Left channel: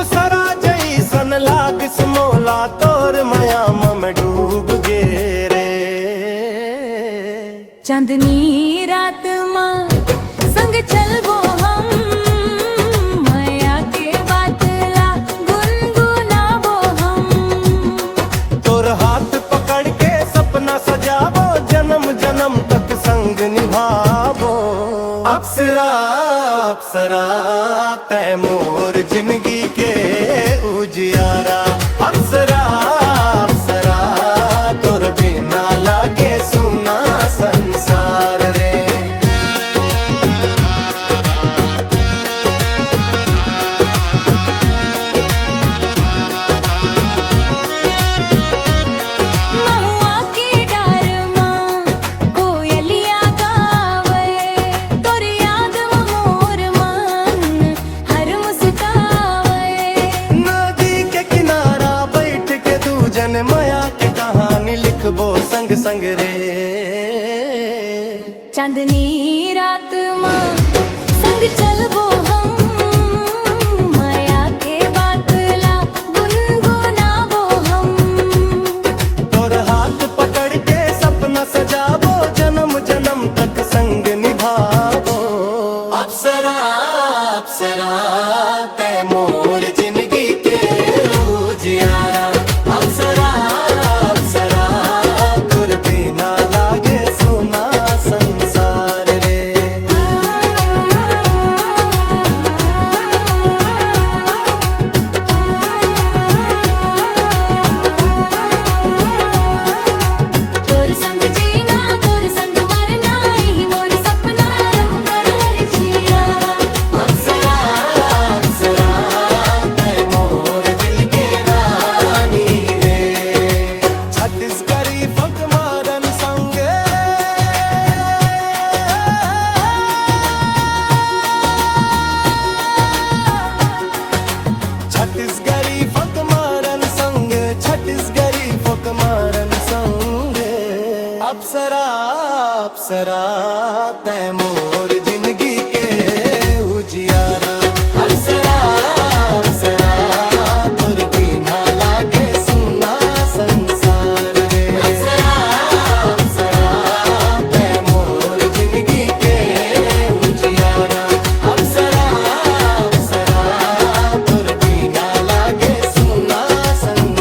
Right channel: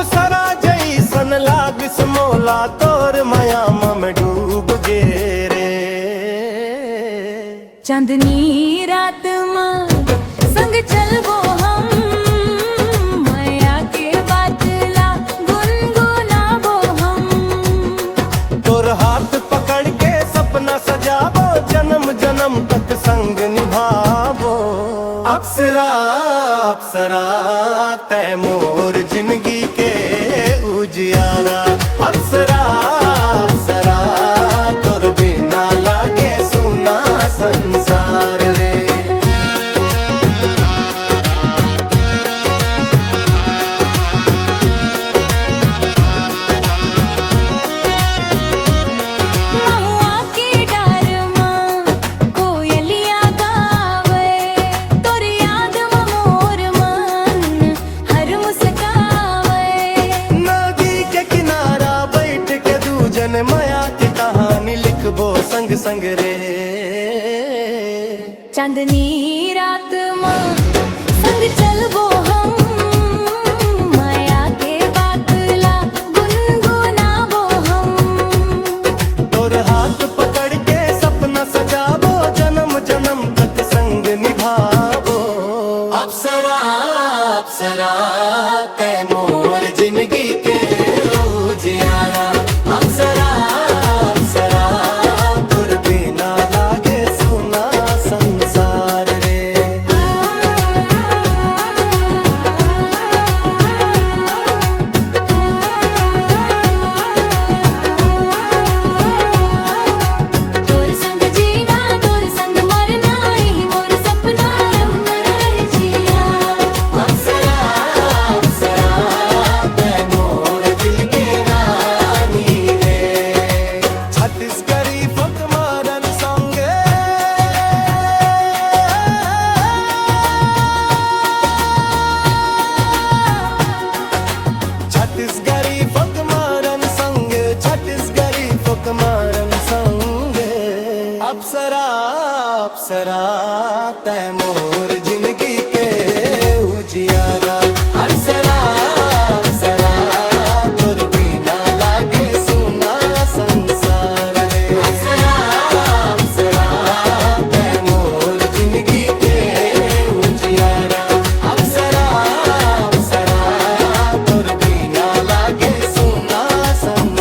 अप्सरा जैसन लाग समोला तोर माया में डूब गे रे। चांदनी रात मां संग चलबो हम, माया के बातला गुनगुनाबो हम। तोर हाथ पकड़ के सपना सजाबो, जन्म जन्म तक संग निभाबो। अप्सरा अप्सरा तै मोर जिंदगी के उजियारा। अप्सरा अप्सरा तोर बिना लागे सुना संसार रे। जन माया के कहानी लिखबो संग संग रे। चांदनी रात मां संग चलबो हम, माया के बातला गुनगुनाबो हम। तोर हाथ पकड़ के सपना सजाबो, जन्म जन्म तक संग निभाबो। अप्सरा अप्सरा तै मोर जिंदगी के उजियारा। अप्सरा अप्सरा तोर बिना लागे सुना संसार रे। तोर संग जीना तोर संग मरना, यही मोर सपना रंग जिया। अप्सरा अप्सरा तै मोर दिल के रानी रे। छत्तीसगढ़ी फक मारन संगे छत्तीसगढ़ी फक मारन संग, छत्तीसगढ़ी फक मारन संग। अप्सरा अप्सरा तै मोर जिंदगी के उजियारा। अप्सरा अप्सरा तोर बिना लागे सुना संसार रे। अप्सरा अप्सरा तै मोर जिंदगी के उजियारा। अप्सरा अप्सरा तोर बिना लागे सुना संसार।